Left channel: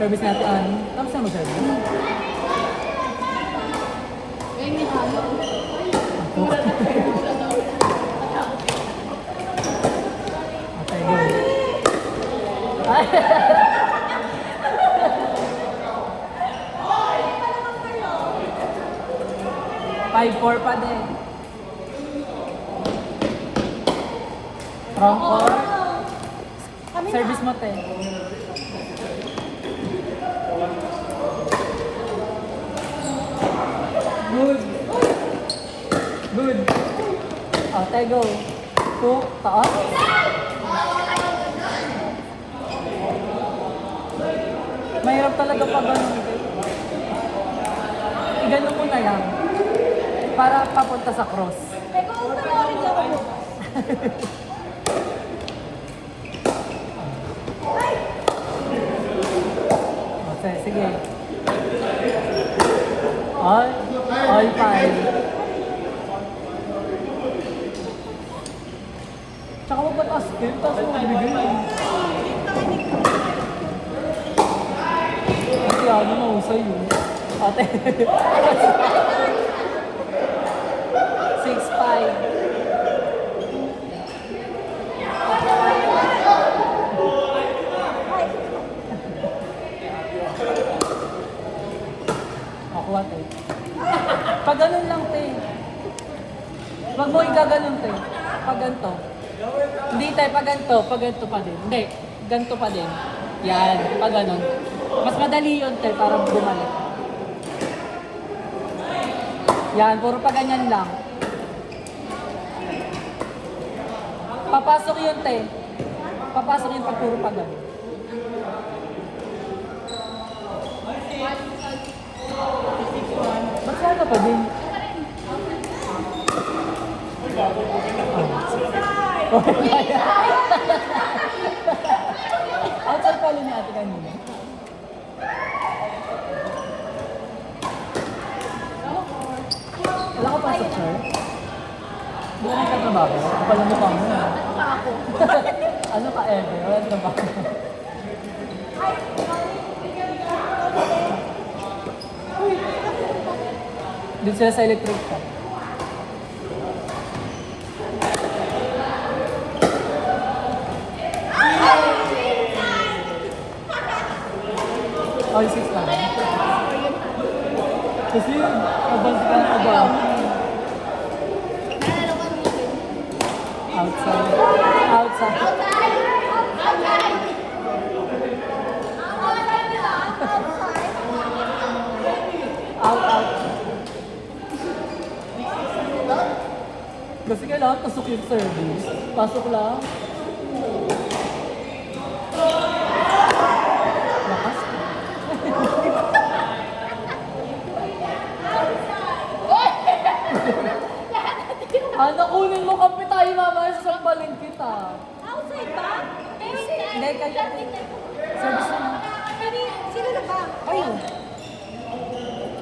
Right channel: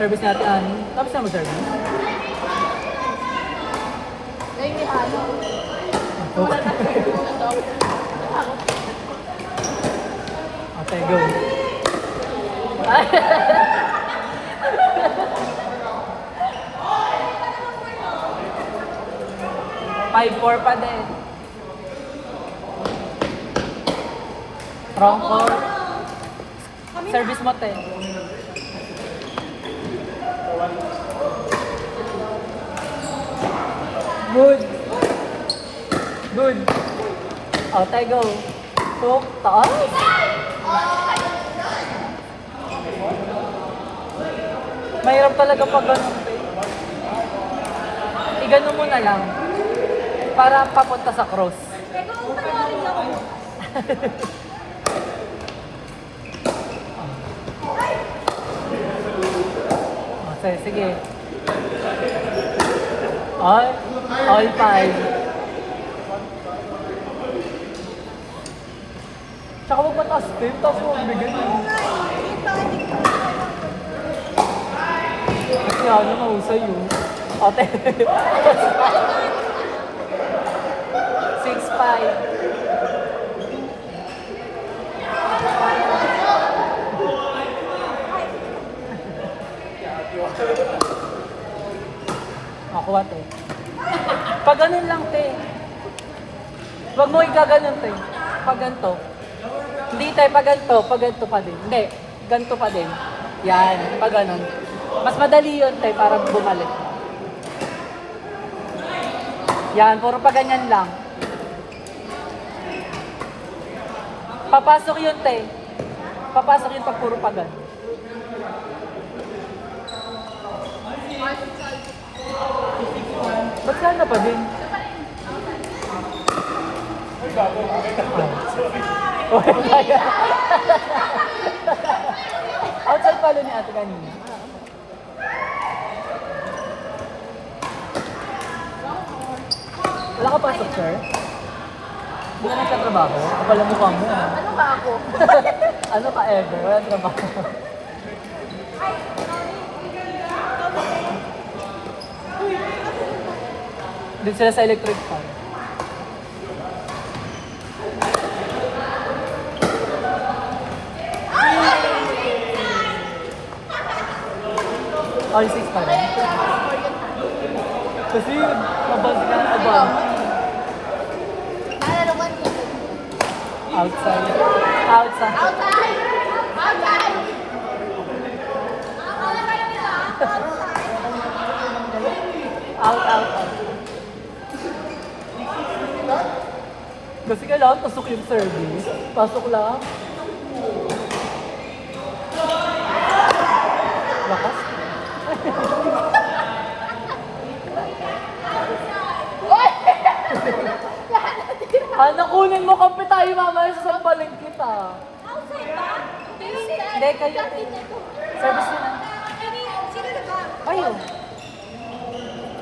Service natin, tapos na mo service. Okay, go. 5-4 pa din. Wrong call. Service mo, te. Good. Good. Oh, te, go. Hook, taas. Mahirap talaga pag ganun. Igano mo na lang. Para papunta sa cross. Okay, sige. All time. Tsaka mo pataas din. Tapos mo bigyan lang. Kasi ano mo sa'yo. Ote. 6-5. Makuha, te. Pag ganun lang, te. Huwag mo ikaganon, te. Pag ganito. Hindi, te. Pag ganito pa din. Hindi. Ganito pa din. Yan. Pag ganun. Mas madali yun, te. Parang bumalik. Yan. Puro pa ganyan lang. Papasok yun, te. Papasok yun pag puro pa ganun. Ba't sana pa din? Outside palo ni ate kanina. Wala ka pa sa chair? Hindi ka sa trabaho? Kapala mo kamo. Ano ba ako? Ano ka ever? Wala trabaho. Doon sila sa electric fan. All 6 pa rin. Kasi, hindi ka na ba? Nalalaman dito. Outside. Outside. Outside! Outside! Kasi kailangan pasok yung service. Pasok lang. Bakas. Nakunin mo kampi tayo mamaya sa sampaling kita. Outside ba? Pero Hindi, kaya. Service na. Sino na ba? Ayun.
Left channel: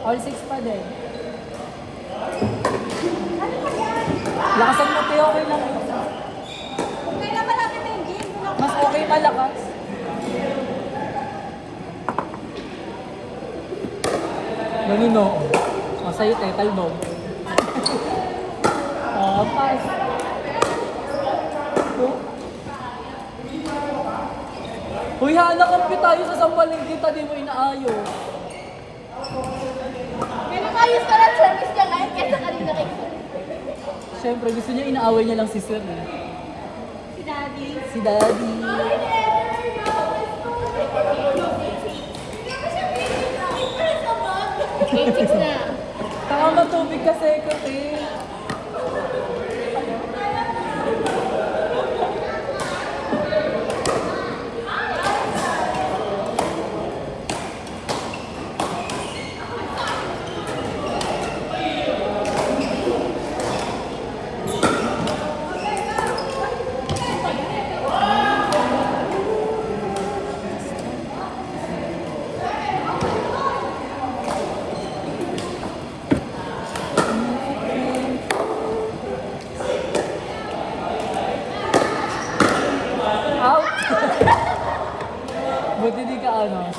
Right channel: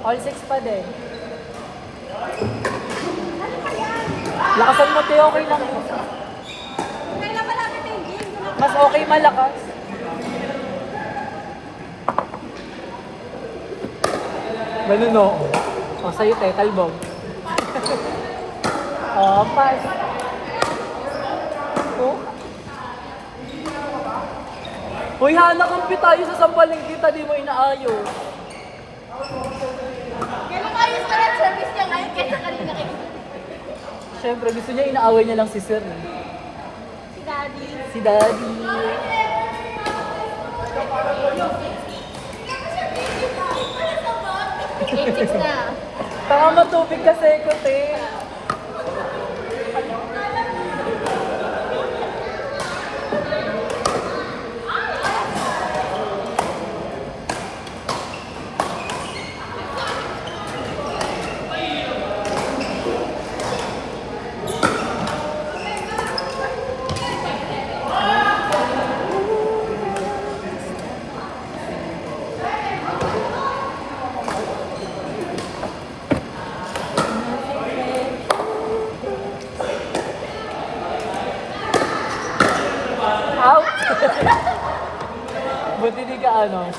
All 6 pa din. Lakasan mo tayo, okay lang. Kailan malapit yung game? Mas okay malakas. Ganun o. O, sa'yo tayo, talbong. O, pass. Uy, hanakampi tayo sa sampaling kita, di mo inaayo. Yan yung ayos ka lang service niya ngayon kaysa kanina kayo. Siyempre, gusto niya inaaway niya lang si Sir. Si Daddy. Si Daddy. Game 6 na. Tama, tubig kasi ko, te.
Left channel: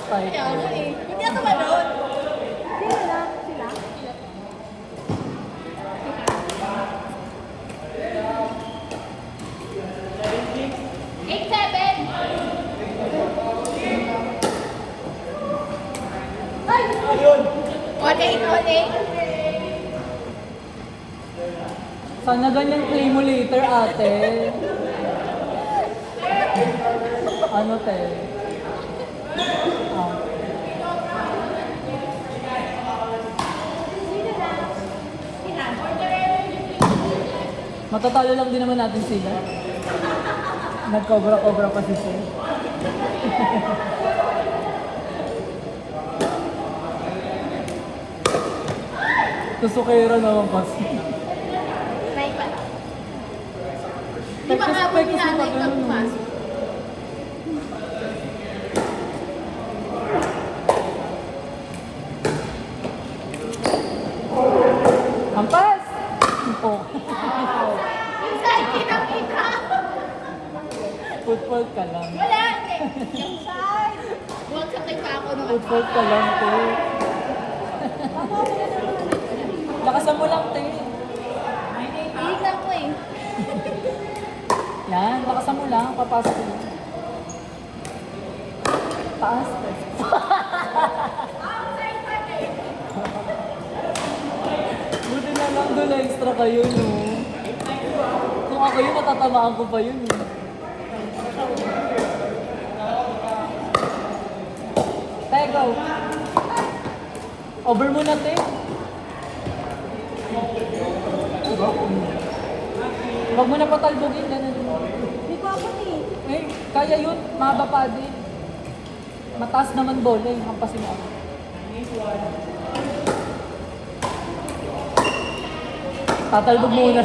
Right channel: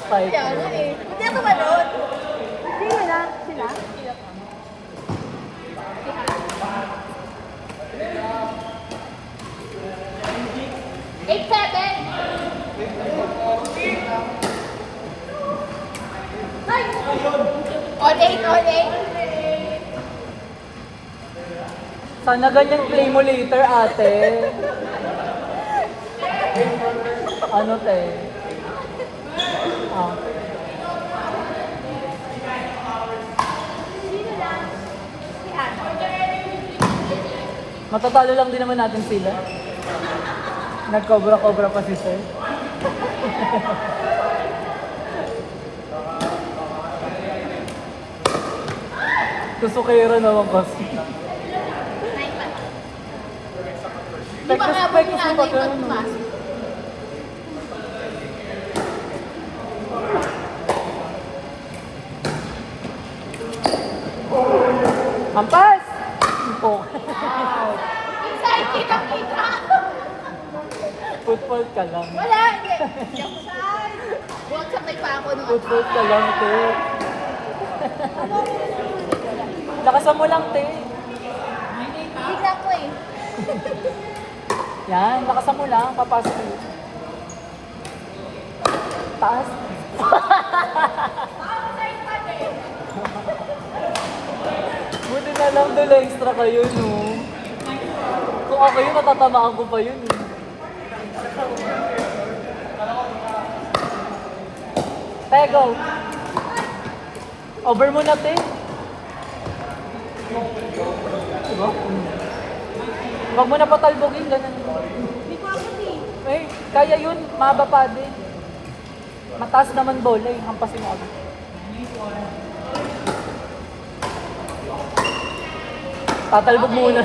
type. Kaya nga eh. Hindi ako manood. Hindi wala. Sila? Eight, seven. All eight, all eight. Sana ganyan play mo later, ate. Ano, te? Oh. Matatalo lang din naman natin sila. Nagkobra-kobra pa si Sir. Kusukera naman pa siya. Nine pa lang. Di ba abot sa amin pagpasok? Hampas! Oh. Yung side kita. Football ka lang. Wala. Yung side. Huwag sabay pa ako nung Football ka lang, te. Lakasan mo lang, te. Hindi ako eh. Yan, lakasan mo lang. Papasok mo. Taas. Outside pa din. Buti na lang doon extra kayo, no? Kung ako yun, matatamaan ko pa yun, no? Tego. Over mo na, te. Huwag mo na patalbogin ka na. Dito ako eh. Eh, kaya yun, mahaba pa din. Mataas naman bola eh, hampasin ako. Tatalbog mo na.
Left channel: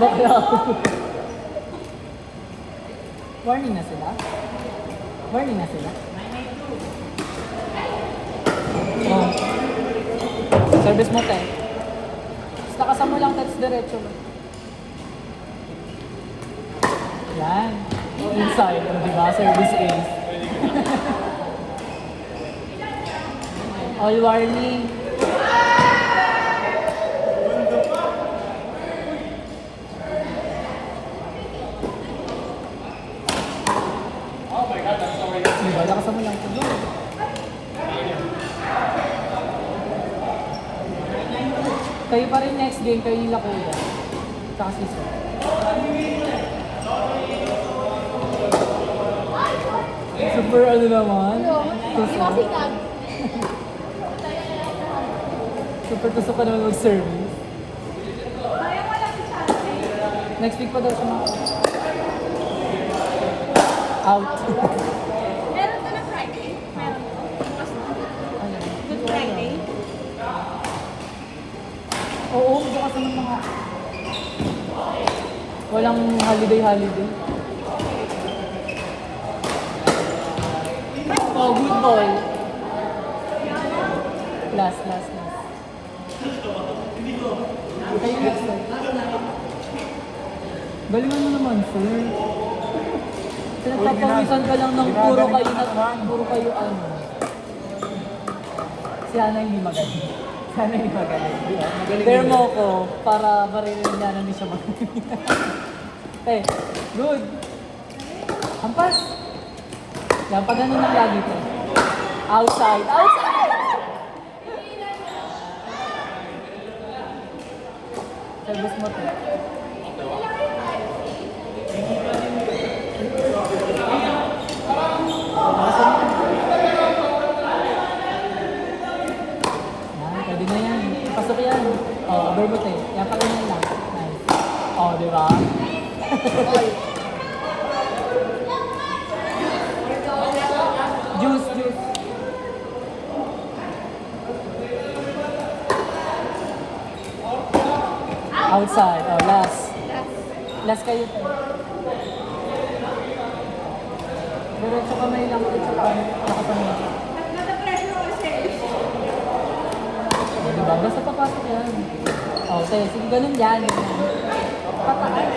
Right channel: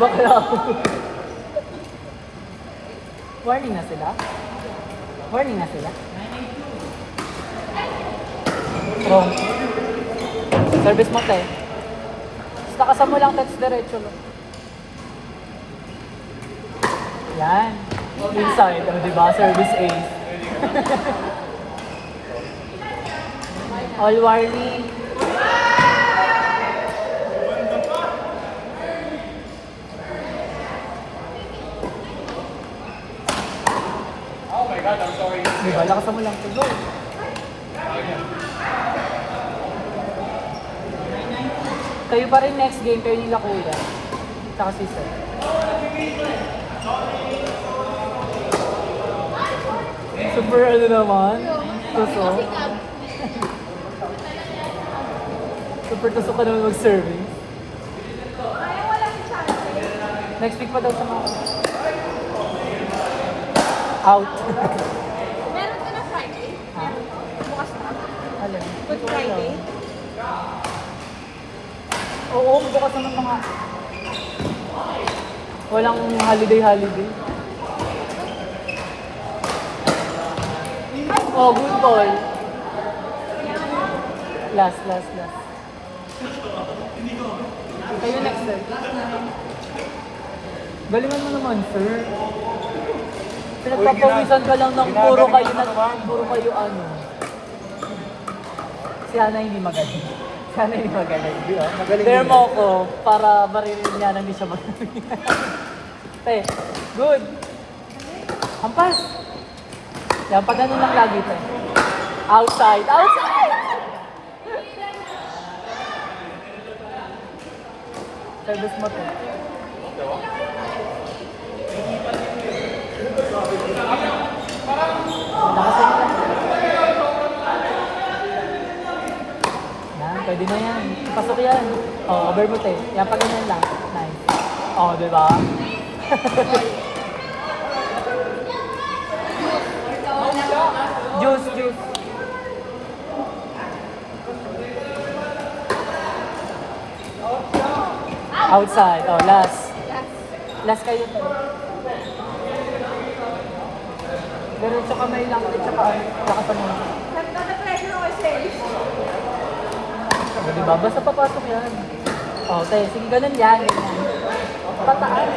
Baka na ako. Warning na sila? Warning na sila? Wrong. Service mo, te. Basta kasama mo lang, text diretso lang. Yan. Inside, di ba? Service ace. All warning. Di ba? Lakas mo lang. Kayo pa rin next game, kayo yung Lakuya. Saka si Sir. Super ano naman? Tusok. Super tusok ka naman mag-serving. Next week pa daw siya. Out. Meron ka na Friday? Meron ko? Bukas na. Alam. Good Friday? Oo, bukas naman mga. Walang holiday. Oh, good ball. Last. Kayo next time. Galingan mo naman, sir. Pinagpapawisan ka lang ng puro kayo ano. Si Hana hindi magaling. Si Hana hindi magaling. Pero mo ko, para barilin niya na hindi siya magaling. Te, good. Hampas. Yan, pag ano lang lagi ito. Outside. Service mo to. Yan, pwede na yan. Pasok yan. Oh, over mo tayo. Yan, pag ano lang. Nice. Oh, di ba? Juice. Outside. Oh, last. Last kayo to. Diretso kamay lang. Kakatanin. Diba? Basta papasok yan. Okay, sige, ganun yan. Pataas.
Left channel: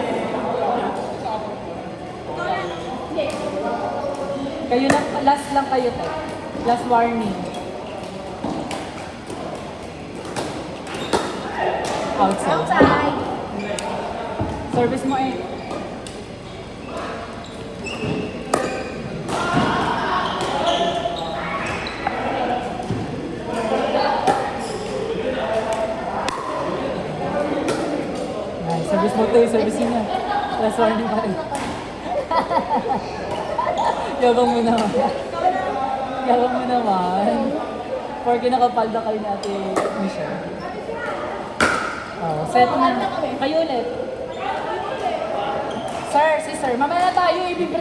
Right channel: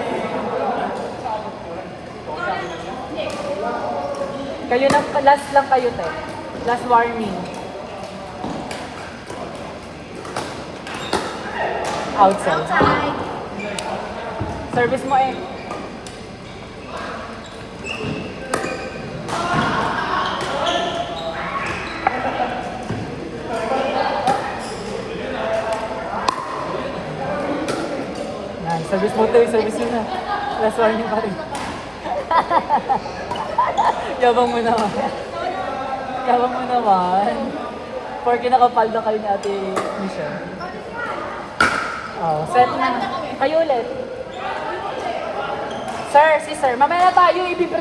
Kayo na, last lang kayo to. Last warning. Outside. Outside. Service mo eh. Yan, service mo to eh, service mo na. Last warning pa rin. Yabang mo naman. Yabang mo naman. Porque nakapalda kayo ni Ate Michelle. Oh, set na. Kayo ulit. Sir, si sir, mamaya tayo ibibigay.